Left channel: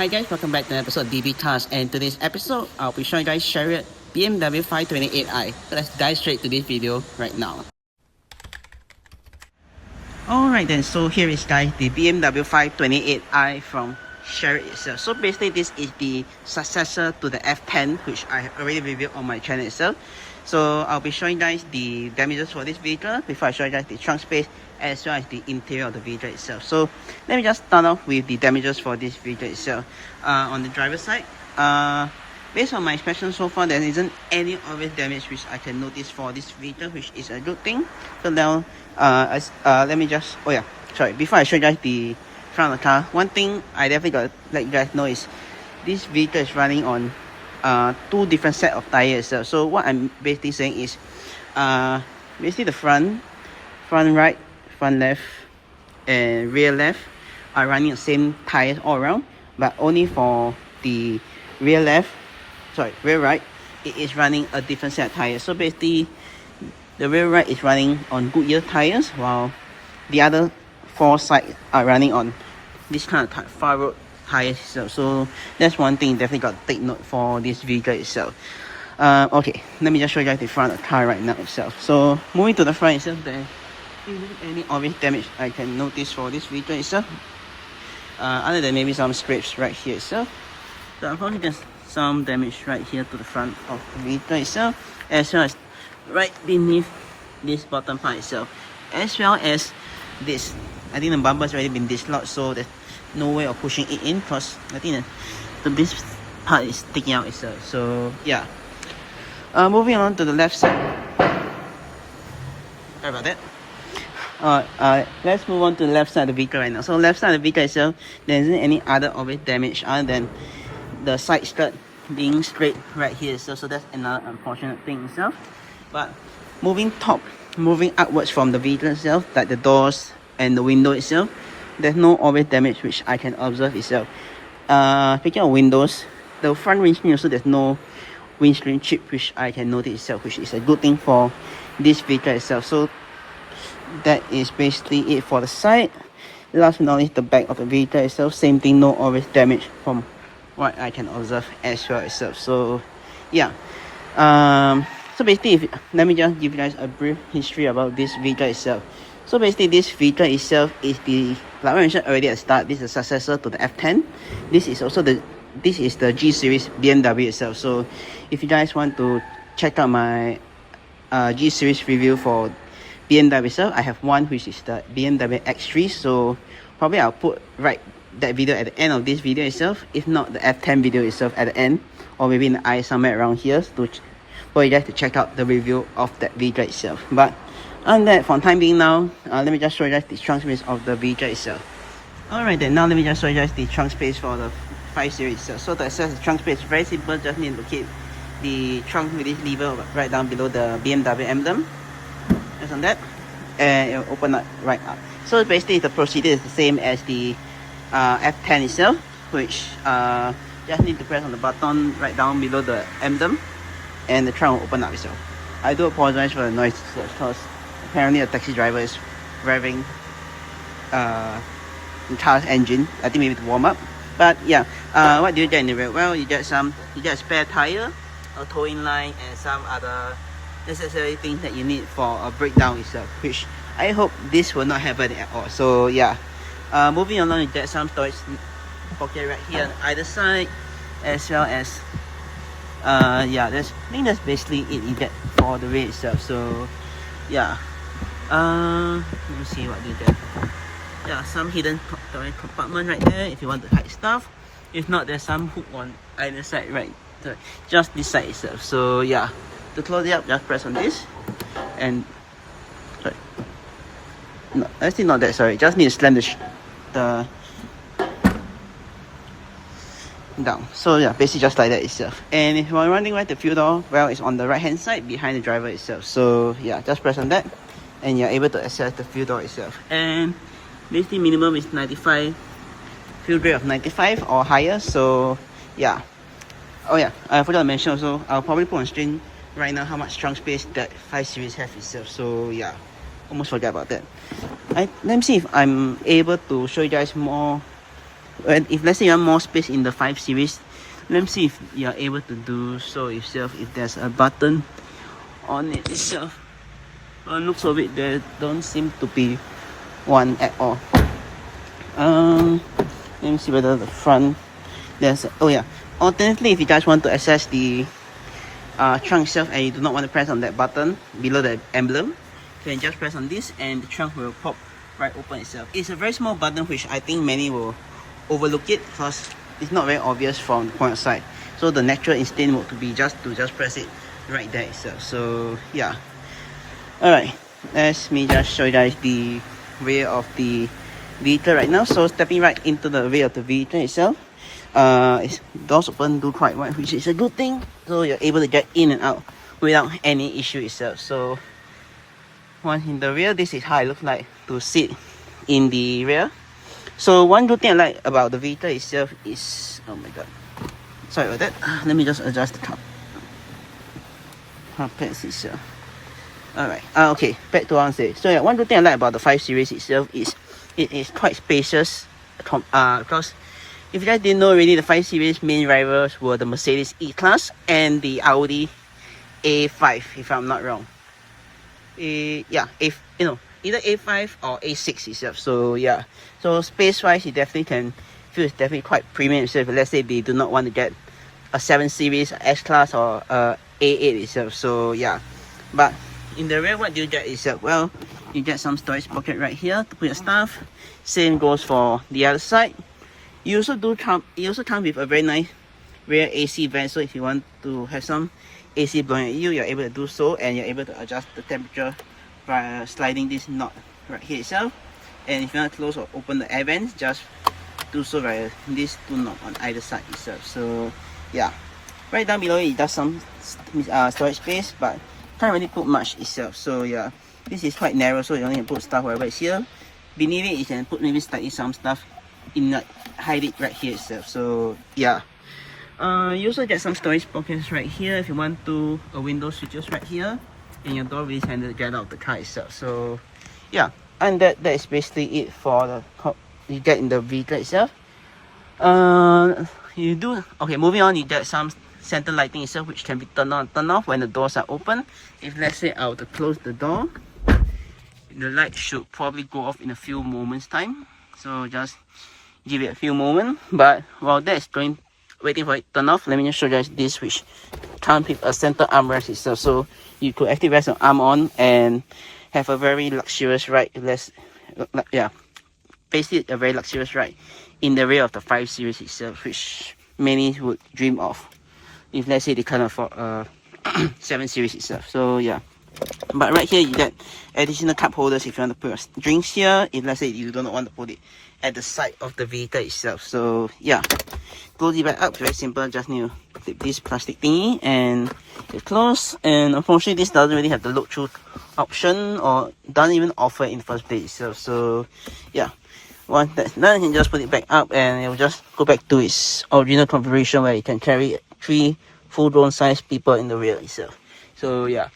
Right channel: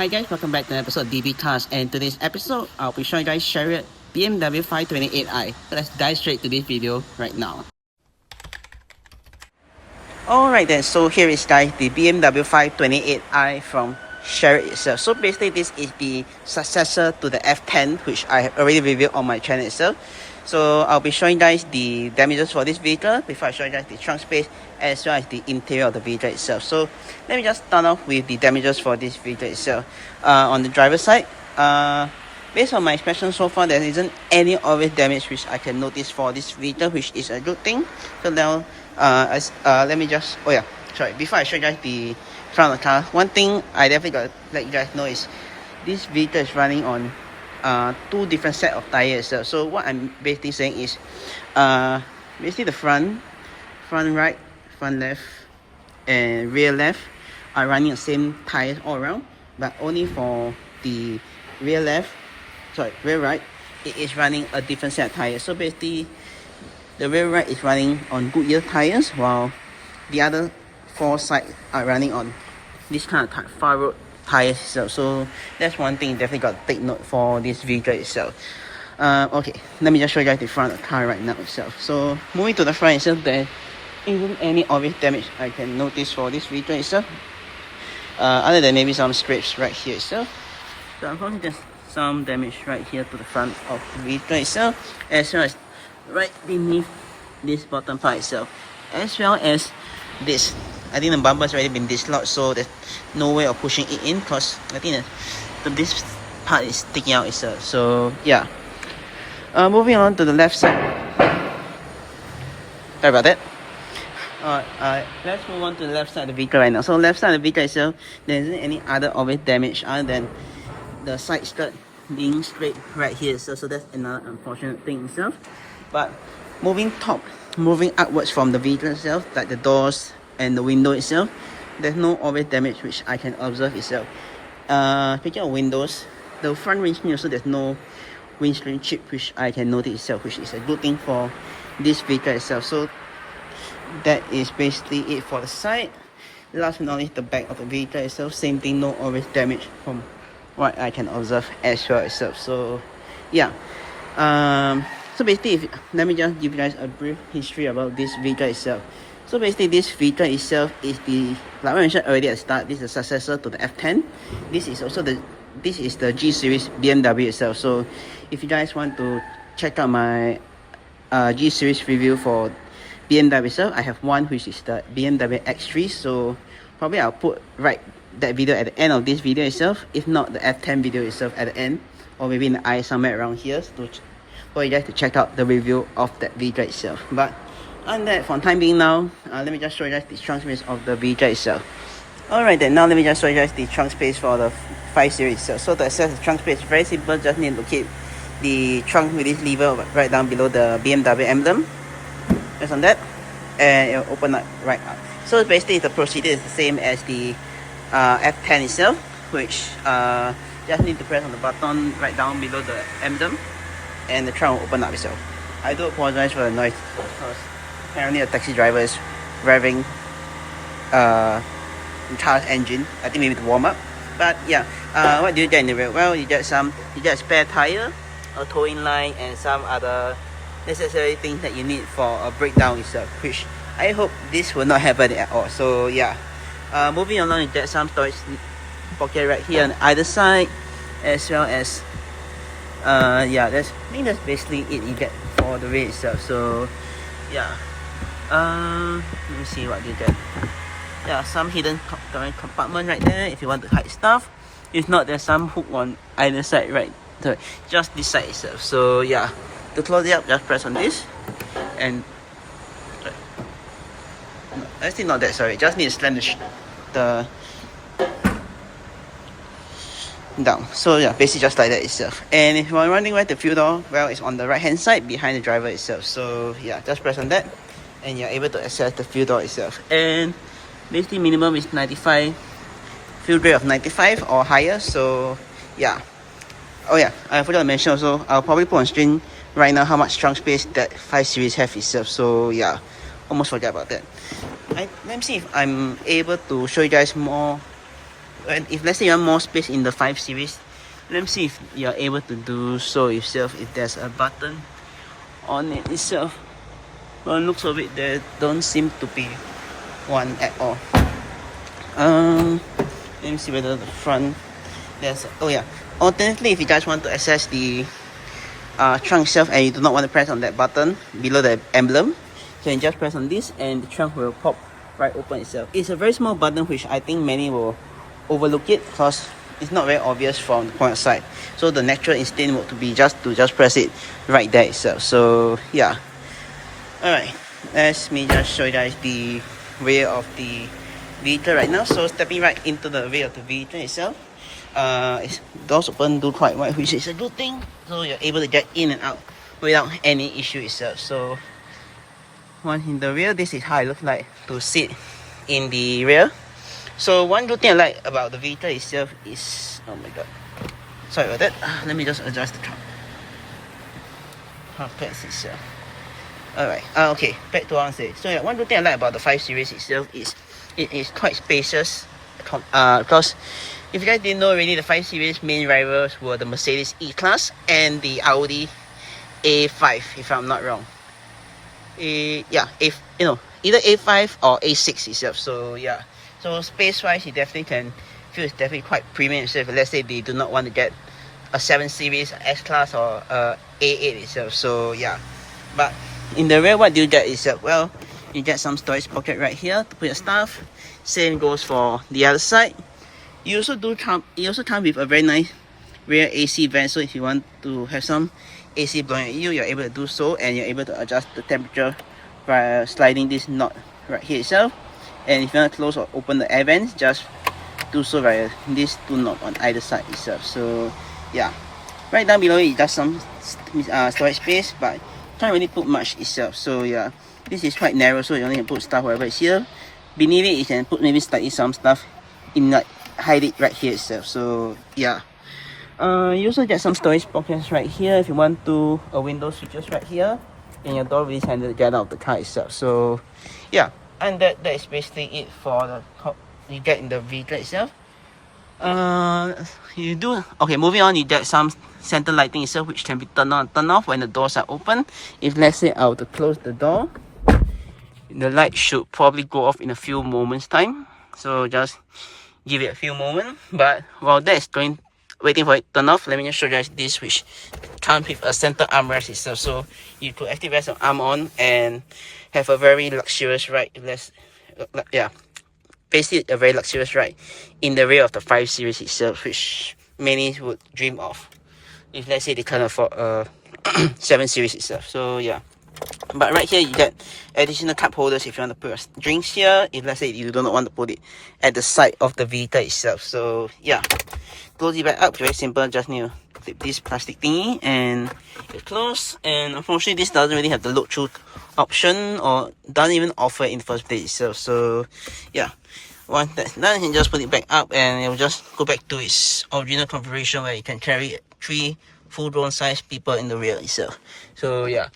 Hi guys, welcome back to an episode of DB Cars, and today's episode I'll be showing you guys Shariot BMW 528i. So let's dive straight to this video right now. Alright then, so here is guys the BMW 528i from Shariot itself. So basically this is the successor to the F10, which I have already reviewed on my channel itself. So I'll be showing you guys the damages for this vehicle before I show you guys the trunk space as well as the interior of the vehicle itself. So let me just start off with the damages for this vehicle itself. On the driver's side, based on my inspection so far, there isn't any obvious damage which I can notice for this vehicle, which is a good thing. So now let me just, before I show you guys the front of the car, one thing I definitely got to let you guys know is this vehicle is running on two different set of tires. So what I'm basically saying is basically the front right, front left and rear left are running the same tires all around, but only for the rear right, it is running a different set of tires. So basically the rear right is running on Goodyear tires, while the other four sides are running on this kind of far road tires itself. So that's one thing definitely got to take note for this vehicle itself. Okay, let me just show you guys the front of the car right now itself. So moving to the front itself, there isn't any obvious damage I can notice for this vehicle itself, other than maybe some scrapes right here itself. So unfortunately there's some damage right here to the front of the vehicle itself, as well as right beneath this bottom part itself, as well as this. I think the bumper has already been dislodged, so there's no way of pushing it in, because I think that this part is sticking out itself. So yeah, moving on to the left side. Sorry about that. Let's move on to the left side of the vehicle right now. So left side of the vehicle itself, there isn't any other obvious damage other than the side skirt being straight right here. So that's another unfortunate thing itself. But moving upwards from the vehicle itself, like the doors and the window itself, there's no obvious damage which I can observe itself. Speaking of windows, the front windscreen also, there's no windscreen chip which I can notice itself, which is a good thing for this vehicle itself. So that is basically it for the side. Last but not least, the back of the vehicle itself, same thing, no obvious damage from what I can observe as well itself. So yeah, so basically let me just give you guys a brief history about this vehicle itself. So basically this vehicle itself is the, like I mentioned already at the start, this is a successor to the F10. This is the G series BMW itself. So if you guys want to check out my G series review for BMW itself, I have one which is the BMW X3. So probably I'll put that video at the end of this video itself, if not the F10 video itself at the end, or maybe in the eye somewhere around here, for you guys to check out the review of that vehicle itself. But on that, for the time being now, let me just show you guys the trunk space of the vehicle itself. Alright then, now let me just show you guys the trunk space for the 5 Series itself. So to access the trunk space, very simple, just need to locate the trunk with this lever right down below the BMW emblem. Just on that, and it'll open up right up. So basically the procedure is the same as the F10 itself, which just need to press on the button right down below the emblem, and the trunk will open up itself. I do apologize for the noise because apparently a taxi driver is revving the car's engine. I think maybe to warm up. But yeah, what do you get in the rear? Well, you get a spare tire, a towing line, and some other necessary things that you need for a breakdown itself, which I hope this will not happen at all. So yeah, moving along, you get some storage pocket right here on either side, as well as I think that's basically it you get for the rear itself. So yeah, let me see what you get. Yeah, some hidden compartment right there if you want to hide stuff. If not, there's some hook on either side, right? So just this side itself. So yeah, to close it up, just press on this, and no, actually not that, sorry, just need to slam the down. So yeah, basically just like that itself. And if you're wondering where the fuel door, well, it's on the right hand side behind the driver itself. So yeah, just press on that and you're able to access the fuel door itself. And basically minimum is 95, fuel grade of 95 or higher. So yeah, oh yeah, I forgot to mention also, I'll probably put on screen right now how much trunk space that 5 Series have itself. So yeah, almost forgot about that. Let me see if I'm able to show you guys more if let's say you have more space in the 5 Series, let me see if you're able to do so yourself. If there's a button on it itself, well, looks of it, there don't seem to be one at all. Let me see whether the front there's oh yeah. Alternatively, if you guys want to access the trunk itself and you do not want to press on that button below the emblem, so you can just press on this and the trunk will pop right open itself. It's a very small button which I think many will overlook it because it's not very obvious from the point of sight. So the natural instinct would be just to press it right there itself. So yeah. Alright, let me just show you guys the rear of the vehicle right now. So stepping right into the rear of the vehicle itself, doors open do quite wide, which is a good thing. So you're able to get in and out without any issue itself. So once in the rear, this is how it looks like to sit in the rear. So one good thing I like about the vehicle itself is, oh my god, sorry about that. Let me just adjust the carpets itself. Alright, okay, back to what I'm saying. So yeah, one good thing I like about the 5 Series itself is it is quite spacious. Because if you guys didn't know already, the 5 Series main rivals were the Mercedes E-Class and the Audi A5, if I'm not wrong. Yeah, if you know, either A5 or A6 itself. So yeah, so space-wise, you definitely can feel it's definitely quite premium itself. Let's say they do not want to get a 7 Series, S-Class, or A8 itself. So yeah, but in the rear, what do you get is that, well, you get some storage pocket right here to put your stuff. Same goes for the other side. You also come with a very nice rear AC vent. So if you want to have some AC blowing at you, you're able to do so, and you're able to adjust the temperature by sliding this knot right here itself. And if you want to close or open the air vents, just do so via these two knobs on either side itself. So yeah, right down below it does some storage space, but can't really put much itself. So yeah, this is quite narrow, so you only can put stuff wherever it's here. Beneath it, you can put maybe slightly some stuff in, like hide it right here itself. So yeah, you also get some storage pockets right here if you want to. A window switches right here, and your door really handy to get out of the car itself. So yeah, and that is basically it for the top you get in the vehicle itself. You do okay. Moving on, you get some center lighting itself, which can be turned on and turned off when the doors are open. If let's say I were to close the door, the light should probably go off in a few moments time. So just give it a few moments. But while that is waiting for it to turn off, let me just show you guys this, which comes with a center armrest itself. So you could actually rest your arm on and have a very luxurious ride. Yeah, basically a very luxurious ride in the rear of the 5 Series itself, which many would dream of if let's say they can't afford a 7 Series itself. So yeah, but right here you get additional cup holders if you want to put your drinks here, if let's say you do not want to put it at the side of the vehicle itself. So yeah, close it back up, very simple. Just need to clip this plastic thingy and it's closed. And unfortunately this doesn't really have the look through option, or doesn't even offer it in the first place itself. So yeah, once that's done, you can just put it back up and it will just go back to its original configuration where you can carry 3 full-grown size people in the rear itself. So yeah,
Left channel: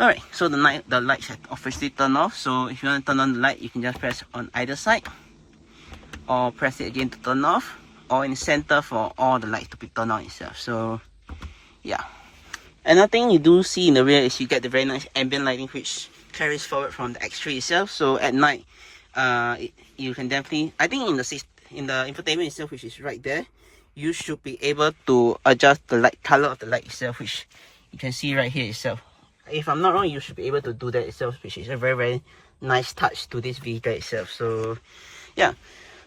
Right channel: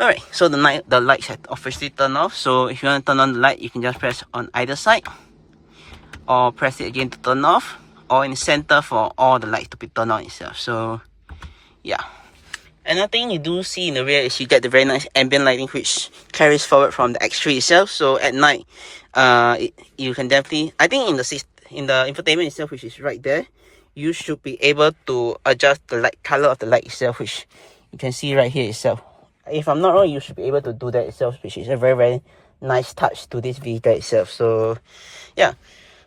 alright, so the lights have officially turned off. So if you want to turn on the light, you can just press on either side, or press it again to turn off, or in the center for all the lights to be turned on itself. So yeah, another thing you do see in the rear is you get the very nice ambient lighting, which carries forward from the X3 itself. So at night, you can definitely, I think in the infotainment itself, which is right there, you should be able to adjust the light color of the light itself, which you can see right here itself. If I'm not wrong, you should be able to do that itself, which is a very, very nice touch to this vehicle itself. So yeah,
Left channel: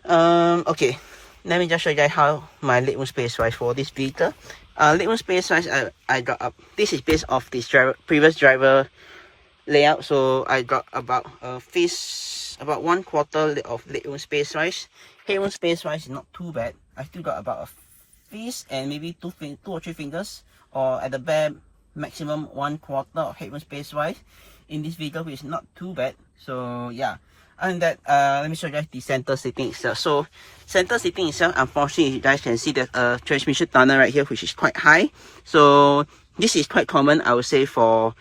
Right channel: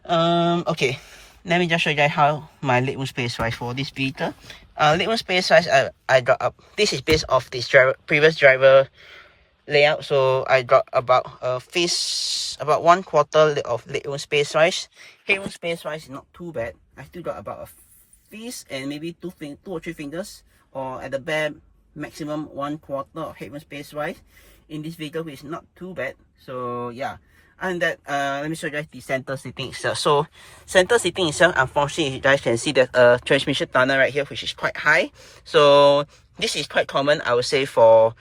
okay, let me just show you guys how my legroom space wise for this vehicle. Legroom space wise, I got up, this is based off this previous driver layout. So I got about about 1/4 of legroom space wise. Headroom space wise is not too bad. I still got about a fist and maybe two or three fingers, or at the bare maximum 1/4 of headroom space wise in this vehicle, which is not too bad. So yeah, and that let me show you guys the center seating itself. So center seating itself, unfortunately you guys can see that a transmission tunnel right here, which is quite high. So this is quite common, I would say, for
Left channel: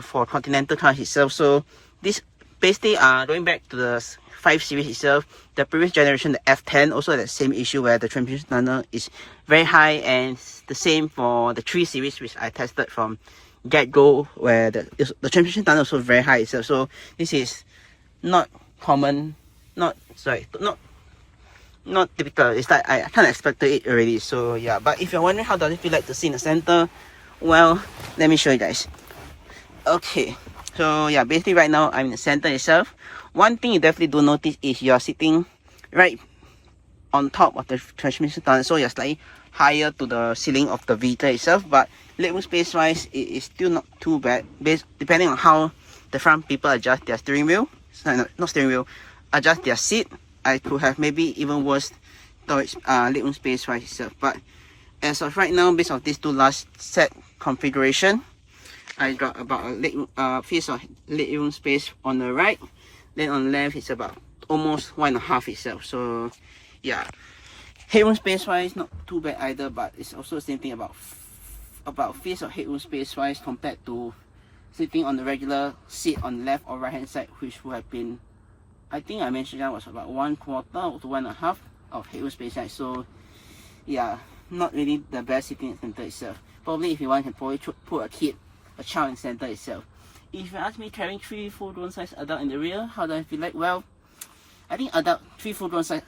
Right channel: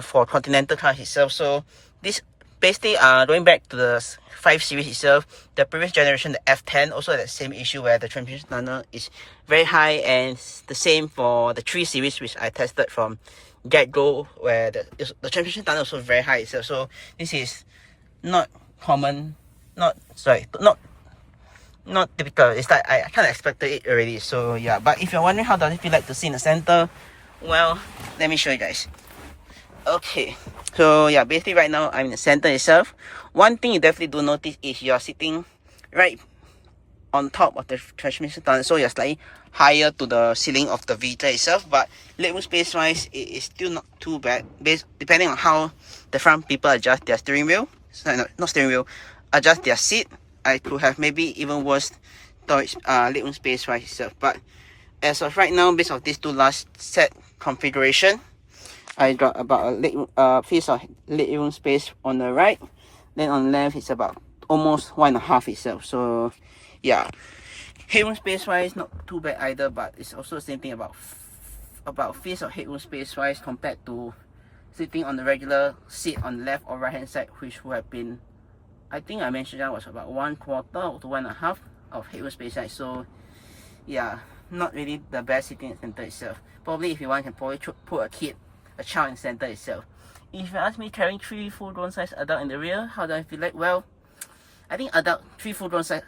for Continental cars itself. So this basically going back to the 5 series itself, the previous generation, the F10, also had the same issue where the transmission tunnel is very high, and it's the same for the 3 series which I tested from get-go, where the transmission tunnel is also very high itself. So this is not common, not typical. It's like I kind of expected it already. So yeah, but if you're wondering how does it feel like to sit in the center, well, let me show you guys. Okay, so yeah, basically right now I'm in the center itself. One thing you definitely do notice is you're sitting right on top of the transmission tunnel, so you're slightly higher to the ceiling of the vehicle itself. But legroom space wise, it is still not too bad, depending on how the front people adjust their steering wheel. Sorry, no, not steering wheel, adjust their seat. I could have maybe even worse storage legroom space wise itself. But as of right now, based on these two last set configuration, I got about a piece of legroom space on the right. Then on the left, it's about almost 1.5 itself. So yeah, headroom space wise, not too bad either. But it's also the same thing about piece of headroom space wise compared to sitting on the regular seat on the left or right hand side, which would have been, I think I mentioned that was about 1/4 to 1.5 of headroom space size. So yeah, not really the best sitting in the center itself. Probably if you want, you can probably put a child in the center itself. If you ask me, carrying 3 full-grown size adult in the rear, how do I feel like? Well, I think 3 full-grown size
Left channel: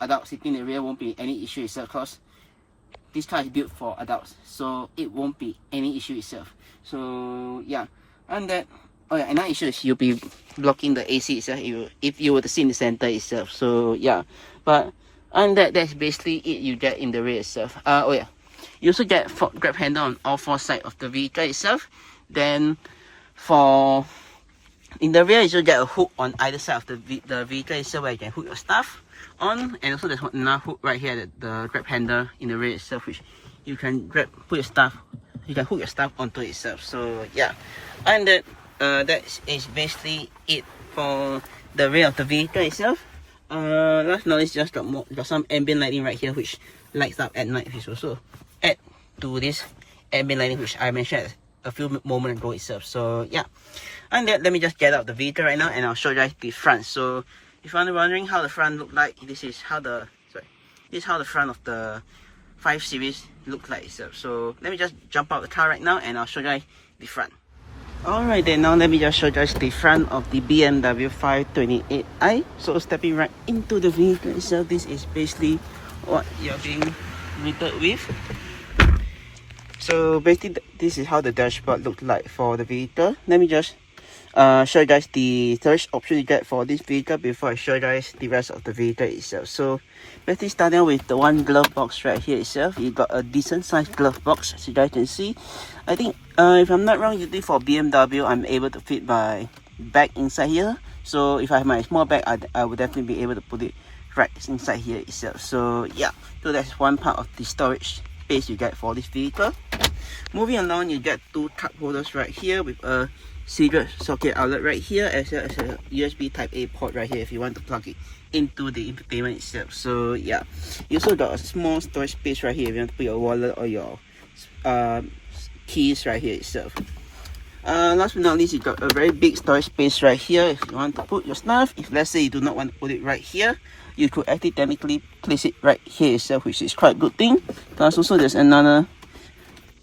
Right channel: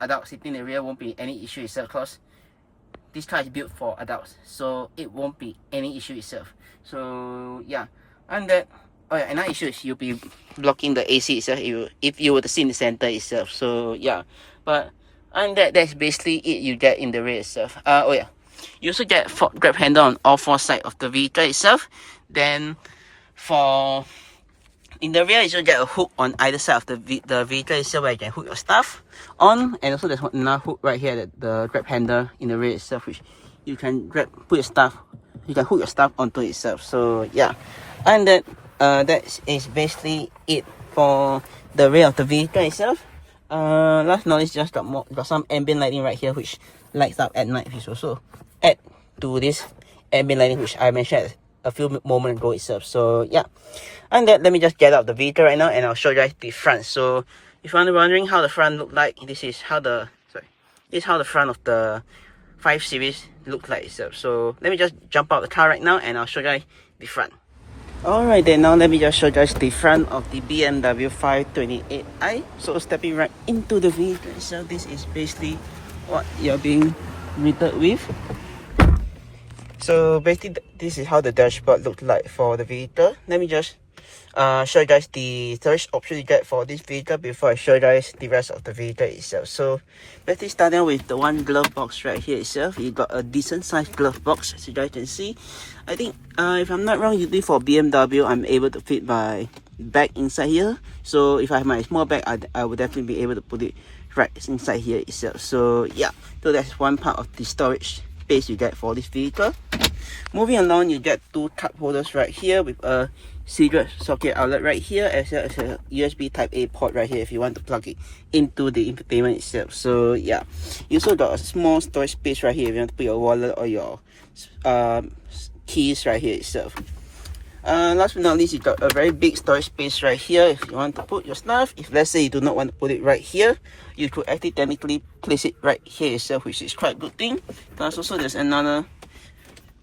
adult sitting in the rear won't be any issue itself, because this car is built for adults, so it won't be any issue itself. So yeah, and that, oh yeah, another issue is you'll be blocking the AC itself if you were to sit in the center itself. So yeah, but and that's basically it you get in the rear itself. Oh yeah, you also get grab handle on all 4 sides of the vehicle itself. Then in the rear, you should get a hook on either side of the vehicle itself, where you can hook your stuff on. And also there's another hook right here, the grab handle in the rear itself, which you can hook your stuff onto itself. So yeah, and that is basically it for the rear of the vehicle itself. Last but not least, just got some ambient lighting right here, which lights up at night, which also add to this ambient lighting which I mentioned a few moments ago itself. So yeah, and that, let me just get out the vehicle right now and I'll show you guys the front. So if you're wondering how the front look like, this is how the front of the 5 series look like itself. So let me just jump out the car right now and I'll show you guys the front. Alright then, now let me just show you guys the front of the BMW 528i. So stepping right into the vehicle itself, this is basically what you're being greeted with. So basically this is how the dashboard looked like for the vehicle. Let me just show you guys the storage option you get for this vehicle before I show you guys the rest of the vehicle itself. So basically starting with the one glove box right here itself, you got a decent sized glove box, as you guys can see. I think if I'm not wrong, usually for BMW I'm able to fit my bag inside here. So if I have my small bag, I would definitely be able to put it right inside here itself. So yeah, so that's one part of the storage space you get for this vehicle. Moving along, you get 2 cup holders right here with a cigarette socket outlet right here, as well as a USB type A port right here if you want to plug it into the infotainment itself. So yeah, you also got a small storage space right here if you want to put your wallet or your keys right here itself. Last but not least, you got a very big storage space right here if you want to put your stuff. If let's say you do not want to put it right here, you could actually technically place it right here itself, which is quite a good thing. Plus also there's another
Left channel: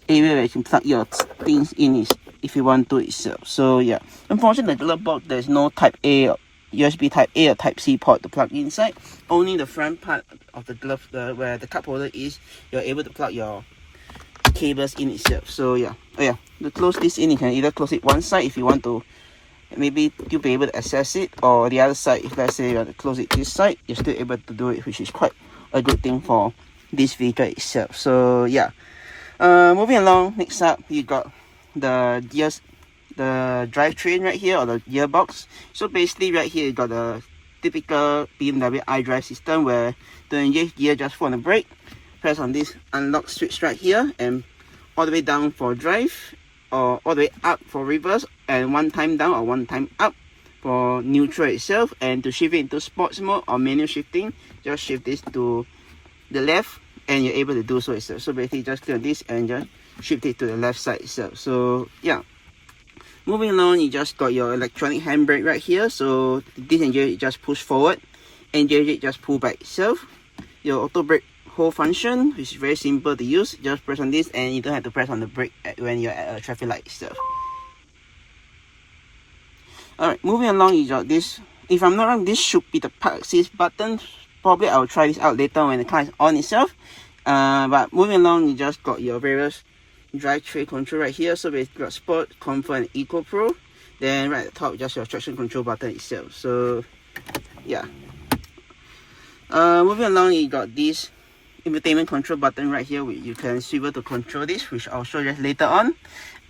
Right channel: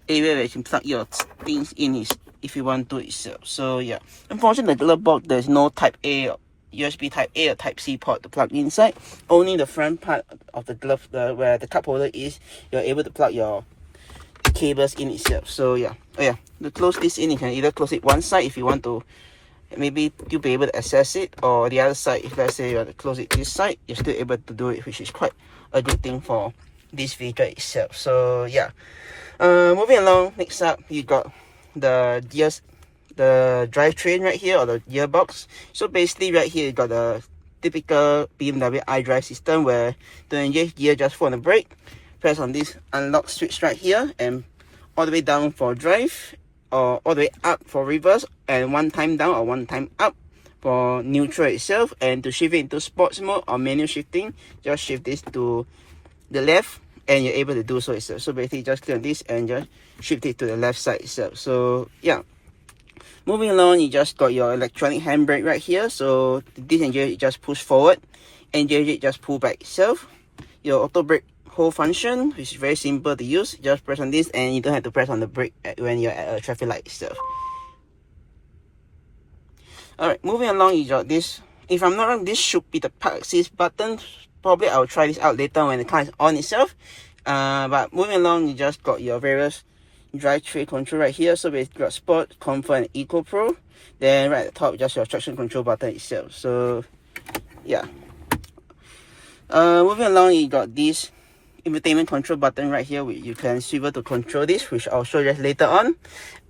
area where you can plug your things in if you want to itself. So yeah, unfortunately the glove box, there's no type A, USB type A or type C port to plug inside. Only the front part of the glove, where the cup holder is, you're able to plug your cables in itself. So yeah, oh yeah, to close this in, you can either close it one side if you want to, maybe you'll be able to access it, or the other side, if let's say you want to close it this side, you're still able to do it, which is quite a good thing for this vehicle itself. So yeah, moving along, next up you got the gears, the drivetrain right here, or the gearbox. So basically right here you got the typical BMW iDrive system, where to engage gear, just put on the brake, press on this unlock switch right here, and all the way down for drive, or all the way up for reverse, and 1 time down or 1 time up for neutral itself. And to shift it into sports mode or manual shifting, just shift this to the left and you're able to do so itself. So basically just click on this and just shift it to the left side itself. So yeah, Moving along, you just got your electronic handbrake right here. So disengage it, just push forward. Engage it, just pull back itself. Your auto brake hold function, which is very simple to use. Just press on this and you don't have to press on the brake when you're at a traffic light itself. Alright, moving along, you got this. If I'm not wrong, this should be the park assist button. Probably I'll try this out later when the car is on itself. But moving along, you just got your various drive tray control right here. So basically got Sport, Comfort and Eco Pro. Then right at the top, just your traction control button itself. So yeah. Moving along, you got this infotainment control button right here, which you can swivel to control this, which I'll show you later on,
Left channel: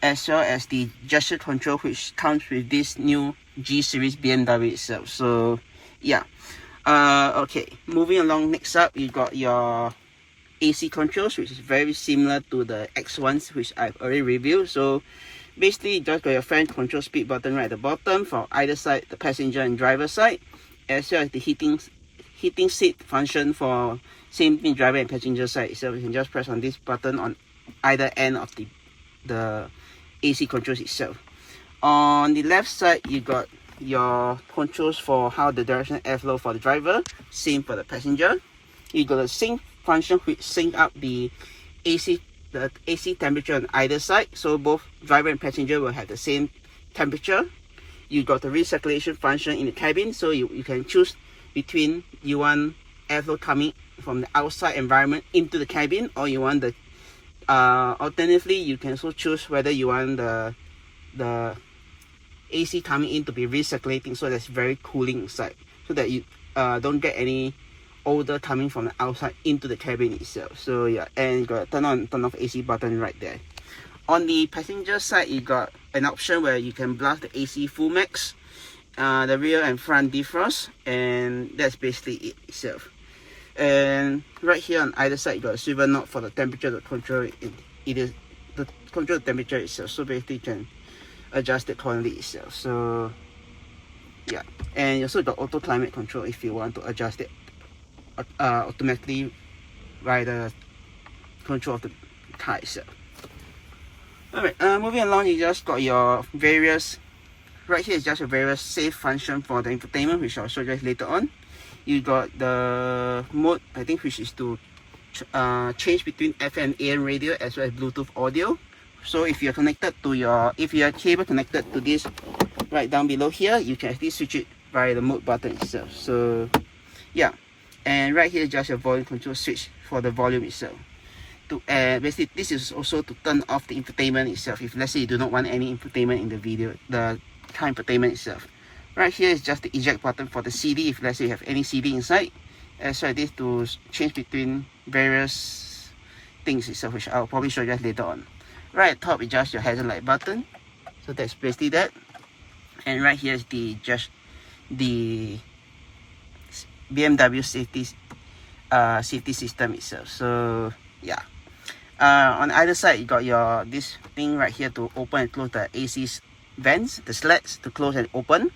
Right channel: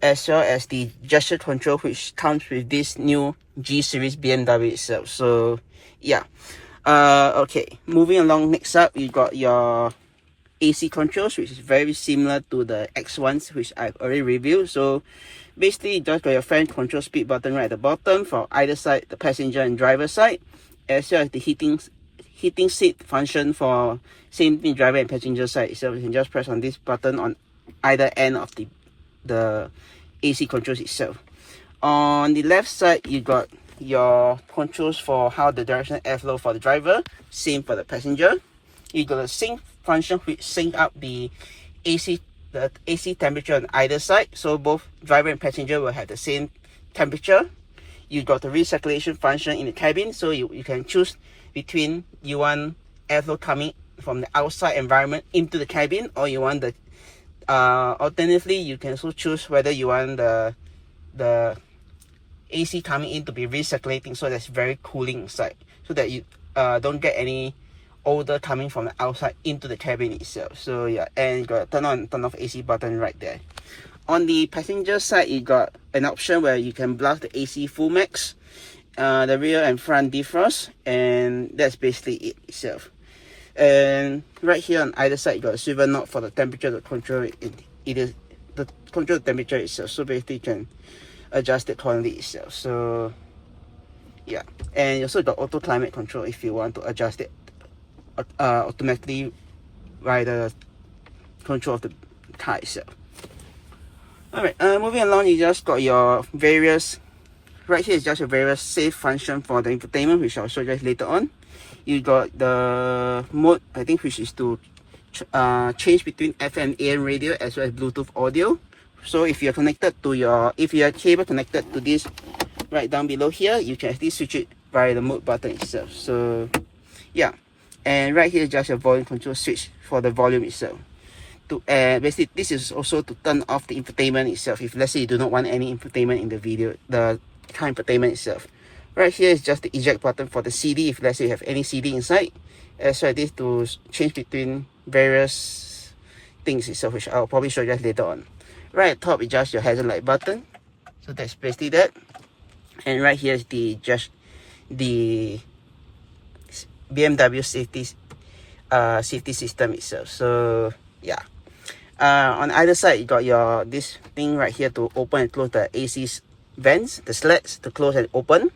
as well as the gesture control, which comes with this new G series BMW itself. So yeah. Okay, moving along, next up you got your AC controls, which is very similar to the X1s, which I've already reviewed. So basically you just got your fan control speed button right at the bottom for either side, the passenger and driver side, as well as the heating seat function for same thing driver and passenger side. So you can just press on this button on either end of the AC controls itself. On the left side, you got your controls for how the directional airflow for the driver, same for the passenger. You got a sync function which sync up the AC temperature on either side, so both driver and passenger will have the same temperature. You got the recirculation function in the cabin, so you can choose between you want airflow coming from the outside environment into the cabin, or you want the alternatively you can also choose whether you want the AC coming in to be recirculating, so that's very cooling inside, so that you don't get any odor coming from the outside into the cabin itself. So yeah, and you got a turn on turn off AC button right there. On the passenger side, you got an option where you can blast the AC full max, the rear and front defrost, and that's basically it itself. And right here on either side, you got a swivel knob for the temperature to control it. It is the control the temperature itself, so basically you can adjust it accordingly itself. So yeah, and you also got auto climate control if you want to adjust it automatically by the control of the car itself. Alright, moving along, you just got your various, right here is just a various safe function for the infotainment, which I'll show you guys later on. You got the mode, I think, which is to change between FM and AM radio as well as Bluetooth audio. So if you're connected to if your cable connected to this right down below here, you can actually switch it via the mode button itself. So yeah, and right here is just your volume control switch for the volume itself. Basically this is also to turn off the infotainment itself if let's say you do not want any infotainment in the video, the car infotainment itself. Right here is just the eject button for the CD if let's say you have any CD inside, as well as this to change between various things itself, which I'll probably show you guys later on. Right at top is just your hazard light button, so that's basically that. And right here is the BMW safety system itself. So yeah, on either side you got this thing right here to open and close the AC vents, the slats to close and open.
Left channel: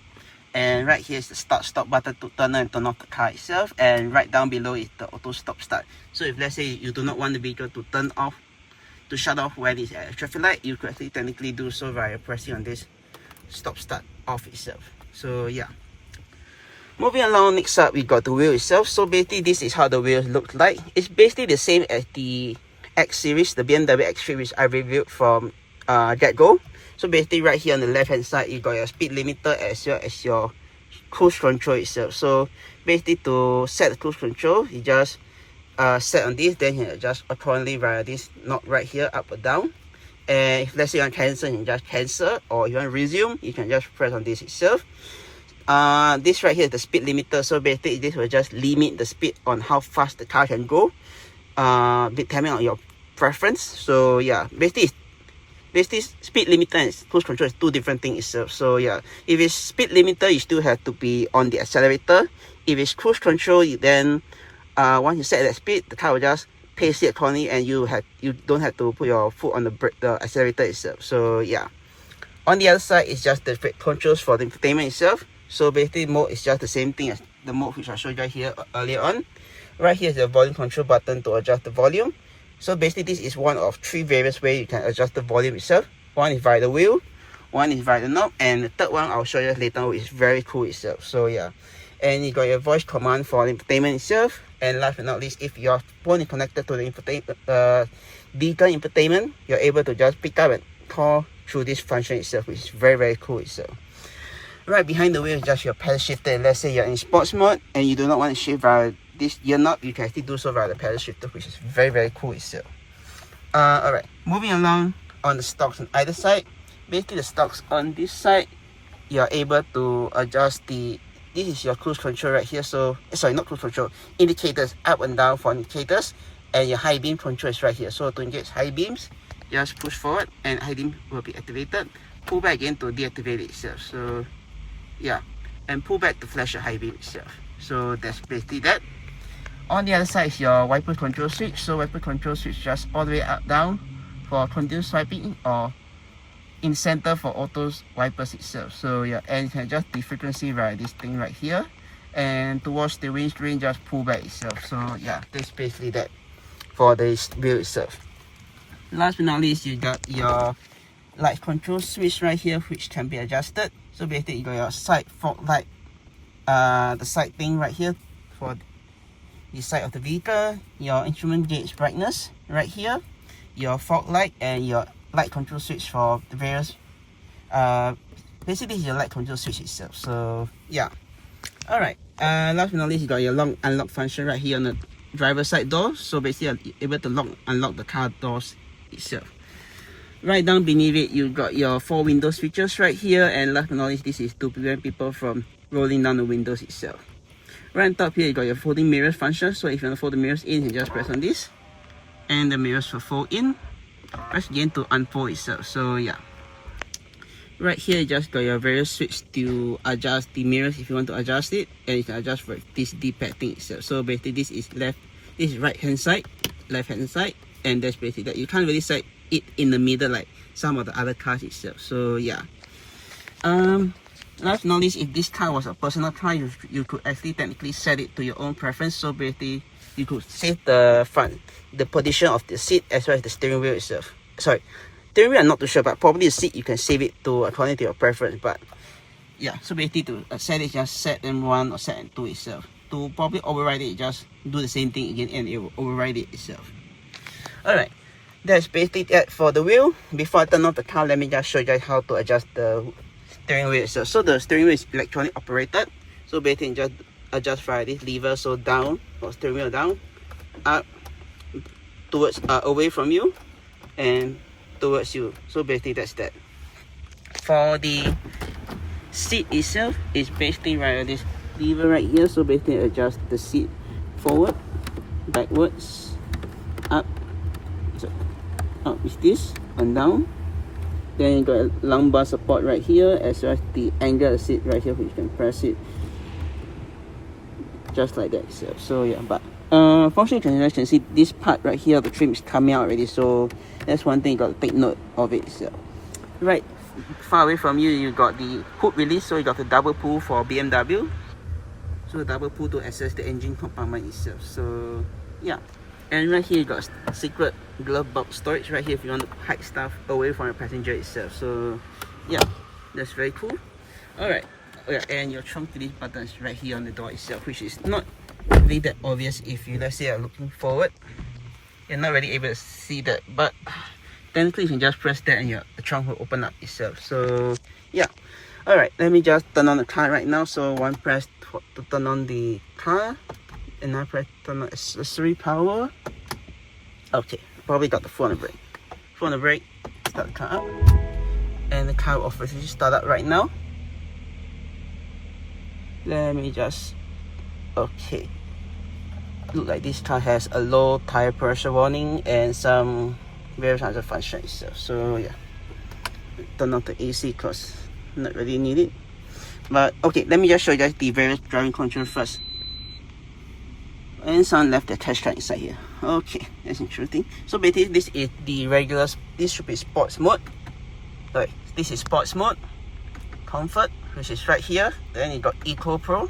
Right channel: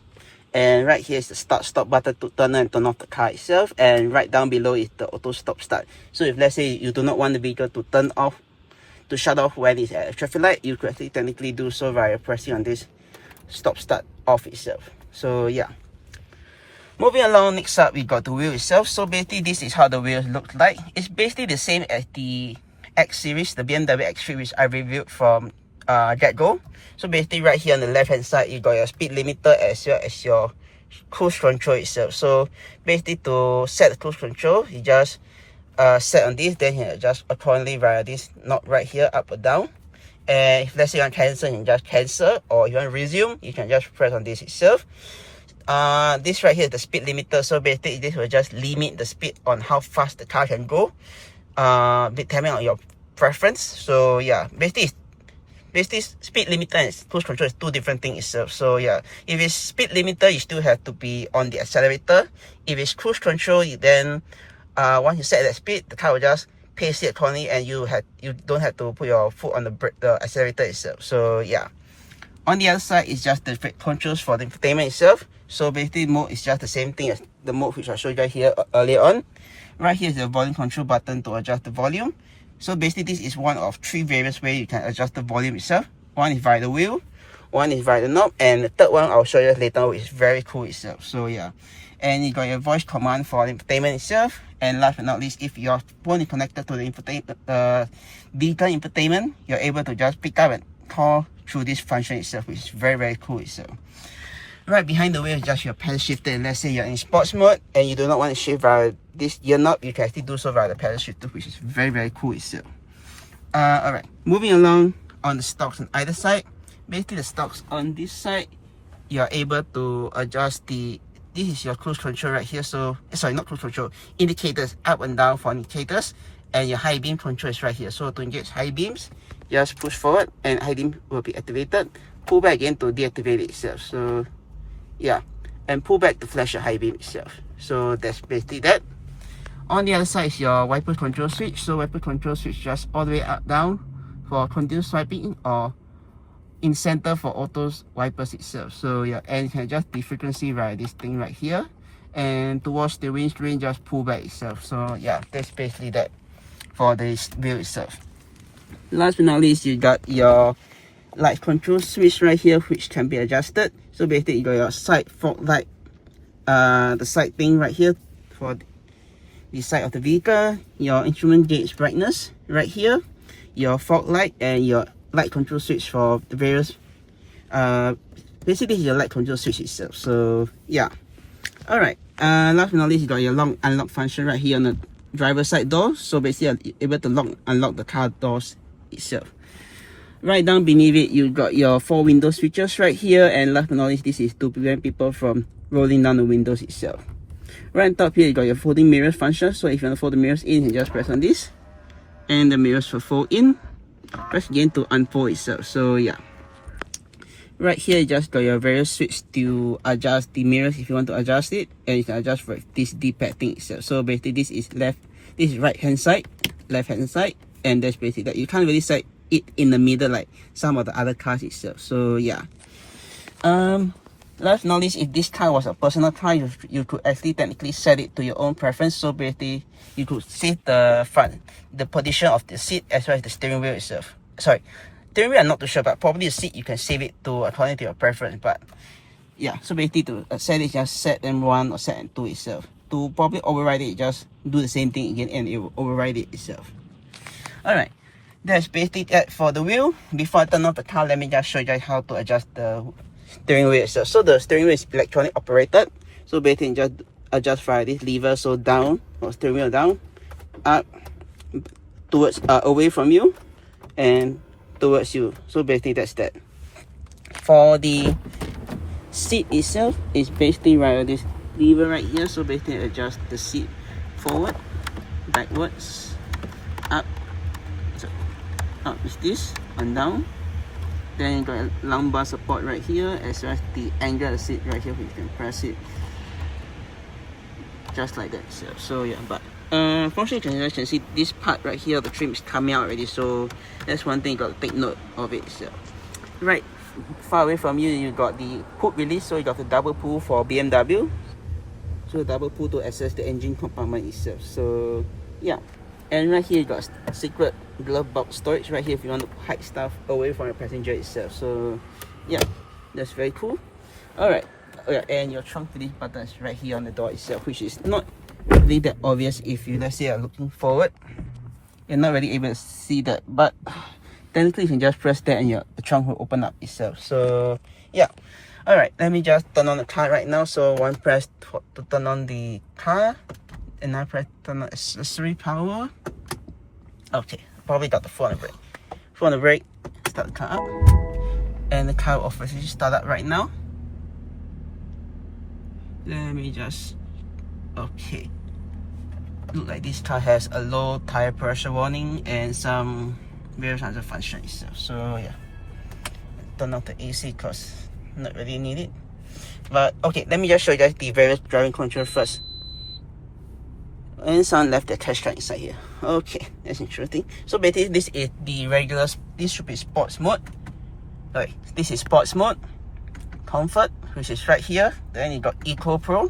And right here is the start stop button to turn on and turn off the car itself. And right down below is the auto stop start. So if let's say you do not want the vehicle to turn off, to shut off when it's at a traffic light, you could actually technically do so via pressing on this stop start off itself. So yeah, moving along, next up we got the wheel itself. So basically this is how the wheels look like. It's basically the same as the X series, the BMW X3, which I reviewed from get-go. So basically right here on the left hand side you got your speed limiter as well as your cruise control itself. So basically to set the cruise control, you just set on this, then you adjust accordingly via this knob right here, up or down. And if let's say you want to cancel, you can just cancel, or you want to resume, you can just press on this itself. This right here is the speed limiter, so basically this will just limit the speed on how fast the car can go, depending on your preference. So yeah, basically speed limiter and cruise control is two different things itself. So yeah, if it's speed limiter, you still have to be on the accelerator. If it's cruise control, then once you set that speed, the car will just pace it accordingly, and you don't have to put your foot on the accelerator itself. So yeah, on the other side is just the controls for the infotainment itself. So basically mode is just the same thing as the mode which I showed you guys here earlier on. Right here is the volume control button to adjust the volume. So basically this is one of three various ways you can adjust the volume itself. One is via the wheel, one is via the knob, and the third one I'll show you later, which is very cool itself. So yeah, and you got your voice command for the infotainment itself. And last but not least, if your phone is connected to the vehicle infotainment, you're able to just pick up and call through this function itself, which is very cool itself. Right behind the wheel is just your pedal shifter. Let's say you're in sports mode and you do not want to shift via this gear knob, you can actually do so via the pedal shifter, which is very cool itself. Alright, moving along on the stocks on either side. Basically the stocks on this side, you're able to adjust this is your cruise control right here. So sorry, not cruise control, indicators, up and down for indicators, and your high beam control is right here. So to engage high beams, just push forward and high beam will be activated, pull back again to deactivate it itself. So yeah, and pull back to flash your high beam itself. So that's basically that. On the other side is your wiper control switch. So wiper control switch just all the way up down for continuous swiping, or in center for auto wipers itself. So yeah, and you can adjust the frequency via this thing right here, and towards the windscreen just pull back itself. So yeah, that's basically that for this wheel itself. Last but not least, you got your light control switch right here, which can be adjusted. So basically you got your side fog light, the side thing right here for the side of the vehicle, your instrument gauge brightness right here, your fog light, and your light control switch for the various basically your light control switch itself. So yeah, all right, last but not least, you got your lock unlock function right here on the driver's side door. So basically you're able to unlock the car doors itself. Right down beneath it, you got your 4 window switches right here, and last but not least, this is to prevent people from rolling down the windows itself. Right on top here, you got your folding mirrors function. So if you want to fold the mirrors in, you just press on this, and the mirrors will fold in. Press again to unfold itself. So yeah, right here you just got your various switch to adjust the mirrors if you want to adjust it, and you can adjust for this D-pad thing itself. So basically this is right hand side, left hand side, and that's basically that. You can't really set it in the middle like some of the other cars itself. So yeah, last but not least, if this car was a personal car, you could actually technically set it to your own preference. So basically you could set the position of the seat as well as the steering wheel itself. Sorry, steering wheel I'm not too sure, but probably the seat you can save it to according to your preference. But yeah, so basically to set it, just set M1 or set M2 itself. To probably override it, just do the same thing again and it will override it itself. Alright, that's basically that for the wheel. Before I turn off the car, let me just show you guys how to adjust the steering wheel itself. So the steering wheel is electronic operated. So basically you just adjust via this lever. So down, or steering wheel down, up, towards away from you, and towards you. So basically that's that. For the seat itself, is basically via this lever right here. So basically adjust the seat forward, backwards, up. So up is this, and down. Then you got a lumbar support right here, as well as the angle of the seat right here, which you can press it just like that itself. So yeah, but unfortunately you can see this part right here, the trim is coming out already. So that's one thing you got to take note of it itself. Right far away from you, you got the hood release. So you got the double pull for BMW. So double pull to access the engine compartment itself. So yeah, and right here you got secret glove box storage right here if you want to hide stuff away from your passenger itself. So yeah, that's very cool. Alright, oh yeah, and your trunk release button is right here on the door itself, which is not really that obvious if you, let's say, are looking forward. You're not really able to see that, but technically you can just press that and the trunk will open up itself. So yeah, alright, let me just turn on the car right now. So one press to turn on the car, and I press turn on accessory power. Okay, probably got the foot on the brake. Foot on the brake, start the car up, and the car will officially start up right now. Let me just, okay, look like this car has a low tire pressure warning and some various other functions itself. So yeah, turn off the AC because not really needed. But okay, let me just show you guys the various driving control first. And someone left the touch card inside here. Okay, that's interesting. So basically this is the regular, this should be sports mode. Right, this is sports mode. Comfort, which is right here. Then you got Eco Pro.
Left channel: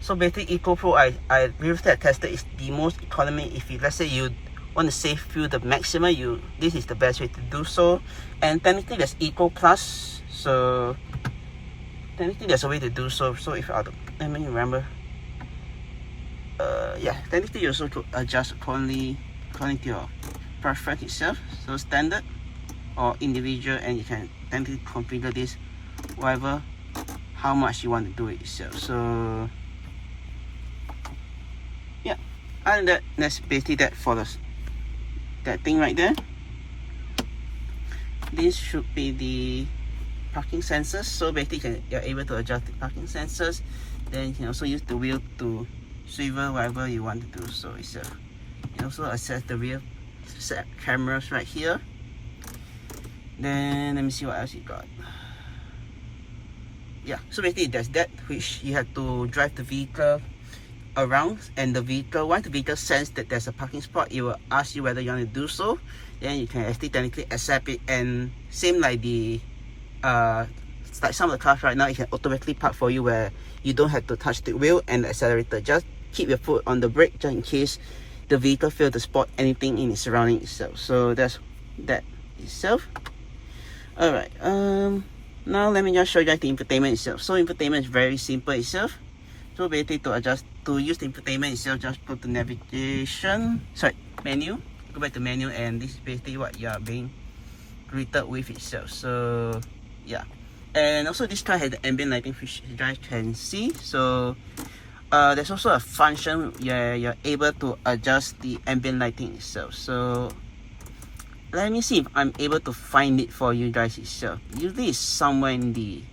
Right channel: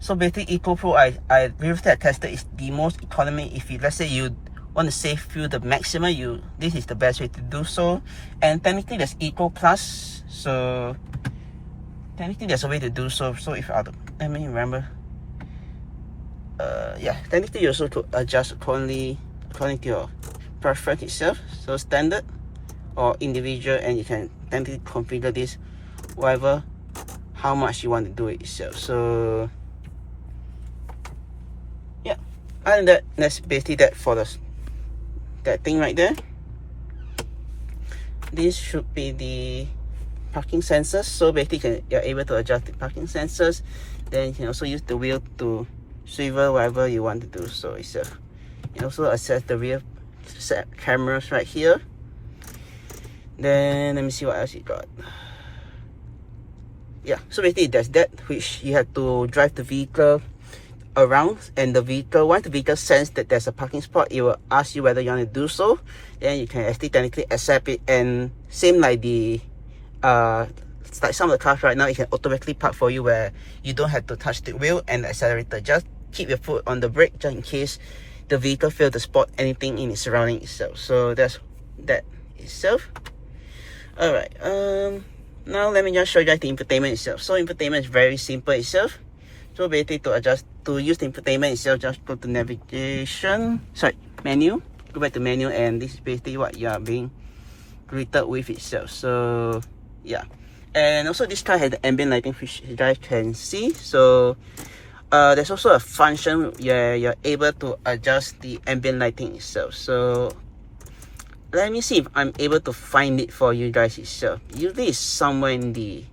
So basically Eco Pro, I previously tested, is the most economy. If you, let's say you want to save fuel the maximum, this is the best way to do so. And technically there's Eco Plus, So technically there's a way to do so. So if I don't, let me remember. Yeah, technically you also to adjust according to your preference itself. So standard or individual, and you can technically configure this whatever how much you want to do it itself. So yeah, other than that, that's basically that for that thing right there. This should be the parking sensors. So basically you're able to adjust the parking sensors. Then you can also use the wheel to swivel whatever you want to do so itself. You can also access the rear set cameras right here. Then let me see what else you got. Yeah, so basically there's that, which you have to drive the vehicle around, and the vehicle, once the vehicle sense that there's a parking spot, it will ask you whether you want to do so. Then you can actually technically accept it, and same like the like some of the cars right now, it can automatically park for you where you don't have to touch the wheel and the accelerator. Just keep your foot on the brake just in case the vehicle fails to spot anything in its surrounding itself. So that's that itself. Alright, now let me just show you guys the infotainment itself. So infotainment is very simple itself. So basically to use the infotainment itself, just go to navigation, menu, go back to menu, and this is basically what you are being greeted with itself. So yeah, and also this car has the ambient lighting, which you guys can see. So there's also a function where you're able to adjust the ambient lighting itself. So let me see if I'm able to find it for you guys itself. Usually it's somewhere in the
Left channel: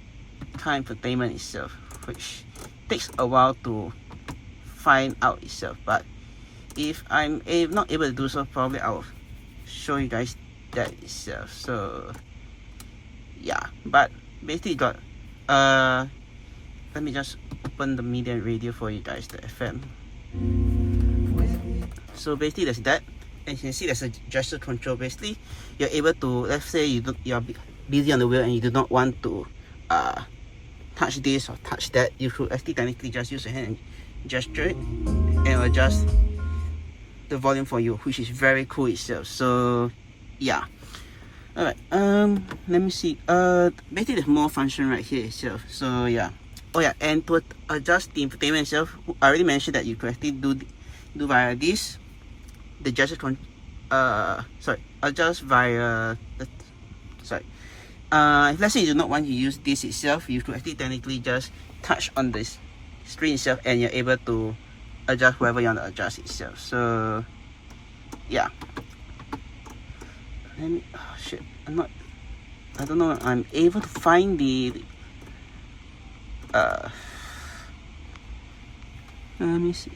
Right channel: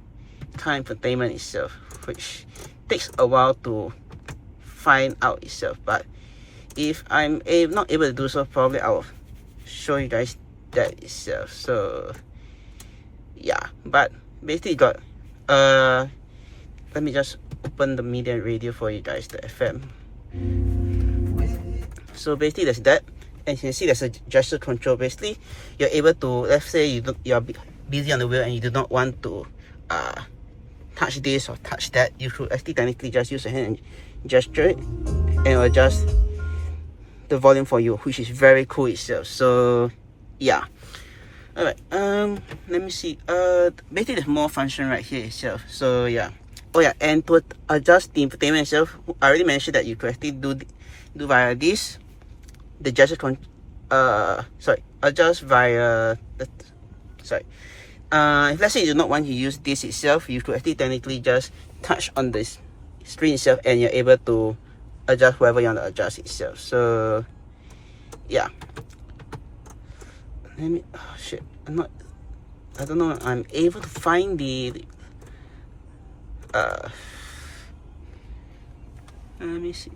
car infotainment itself, which takes a while to find out itself. But if I'm not able to do so, probably I'll show you guys that itself. So yeah, but basically got let me just open the media and radio for you guys, the FM. So basically there's that, and you can see there's a gesture control. Basically you're able to, let's say you're busy on the wheel and you do not want to touch this or touch that, you could actually technically just use your hand and gesture it, and adjust the volume for you, which is very cool itself. So yeah. Alright, let me see. Basically there's more function right here itself. So yeah. Oh yeah, and to adjust the infotainment itself, I already mentioned that you could actually do via this, the gesture adjust via the, if let's say you do not want to use this itself, you could actually technically just touch on this screen itself, and you're able to adjust whatever you want to adjust itself. So yeah. Let me, oh shit, I don't know, I'm able to find the let me see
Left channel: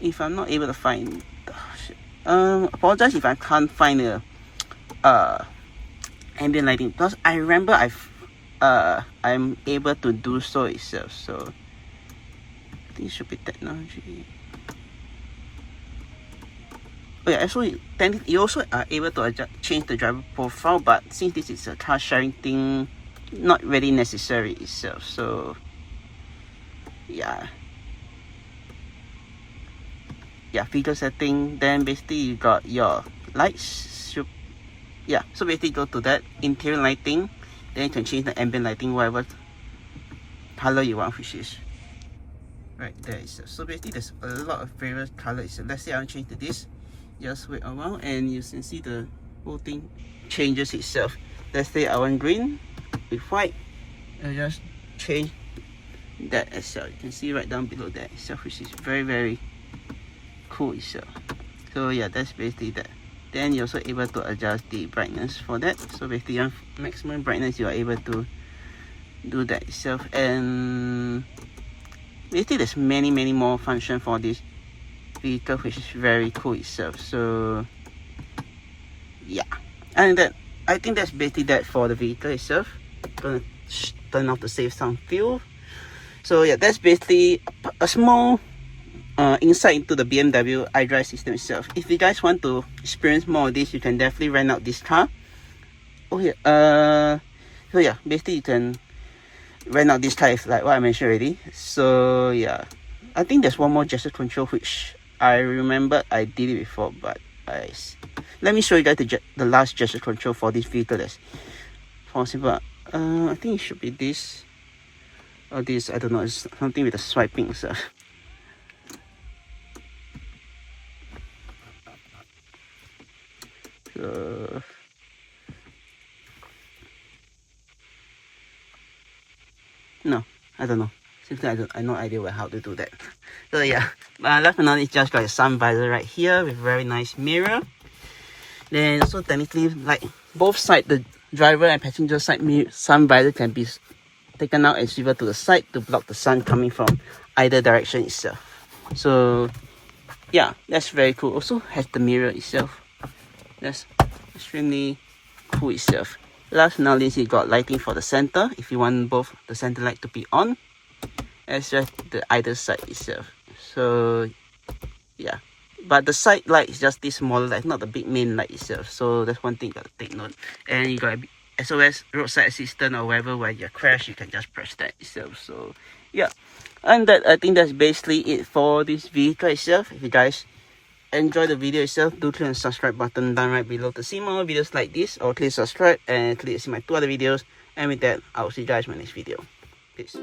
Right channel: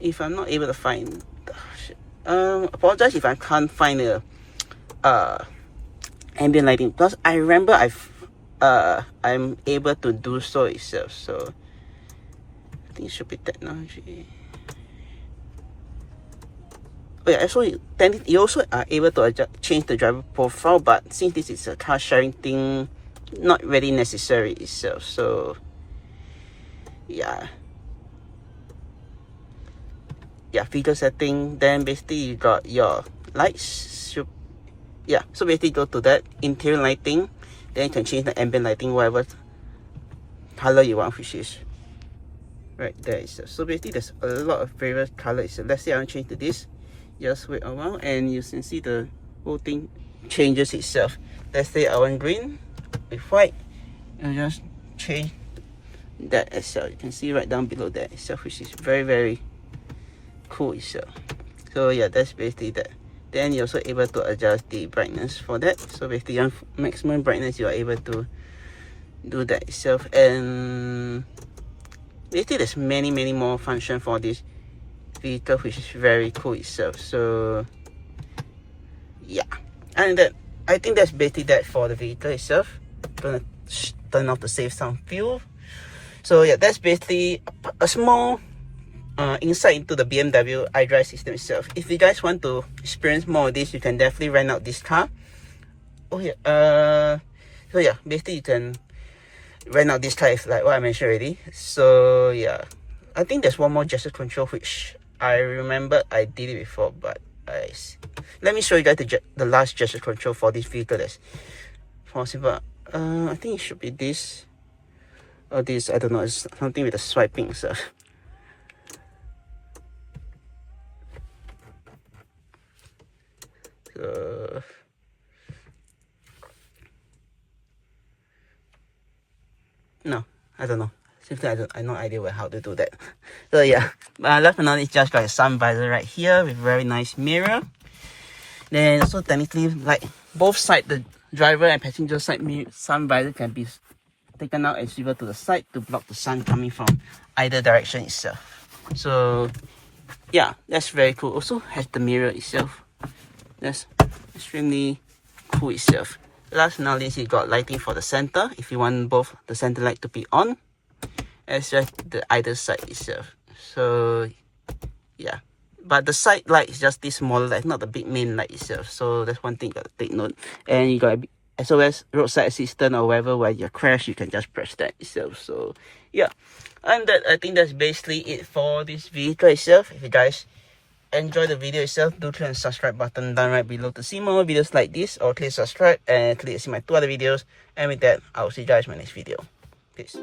if I'm not able to find, oh shit, apologize if I can't find the ambient lighting, because I remember I'm able to do so itself. So I think it should be technology. Oh yeah, so you also are able to change the driver profile, but since this is a car sharing thing, not really necessary itself. So yeah, feature setting. Then basically you got your lights. Yeah, so basically go to that interior lighting, then you can change the ambient lighting whatever color you want, which is right there itself. So basically there's a lot of various colors. So let's say I want to change to this, just wait a while and you can see the whole thing changes itself. Let's say I want green with white, and just change that itself. You can see right down below that itself, which is very, very cool itself. So yeah, that's basically that. Then you're also able to adjust the brightness for that. So basically on maximum brightness, you are able to do that itself. And basically there's many more functions for this vehicle, which is very cool itself. So yeah, and that, I think that's basically that for the vehicle itself. Gonna turn off to save some fuel. So yeah, that's basically a small insight into the BMW iDrive system itself. If you guys want to experience more of this, you can definitely rent out this car. Oh yeah, so yeah, basically you can rent out this car, like what I mentioned already. So yeah, I think there's one more gesture control which I remember I did it before, but let me show you guys the last gesture control for this vehicle. That's possible. I think it should be this or this. I don't know. It's something with the swiping stuff. No, I don't know. Simply, I have no idea how to do that. So yeah, last but not least, just got a sun visor right here with very nice mirror. Then also technically, like both side, the driver and passenger side sun visor can be taken out and swivel to the side to block the sun coming from either direction itself. So yeah, that's very cool. Also has the mirror itself. That's extremely cool itself. Last but not least, you got lighting for the center if you want both the center light to be on, as well as the either side itself. So yeah, but the side light is just this smaller light, not the big main light itself. So that's one thing you gotta take note. And you got SOS roadside assistant or wherever where you crash, you can just press that itself. So yeah, and that I think that's basically it for this vehicle itself. If you guys enjoy the video itself, do click on the subscribe button down right below to see more videos like this, or click subscribe and click to see my 2 other videos. And with that, I'll see you guys in my next video. Peace.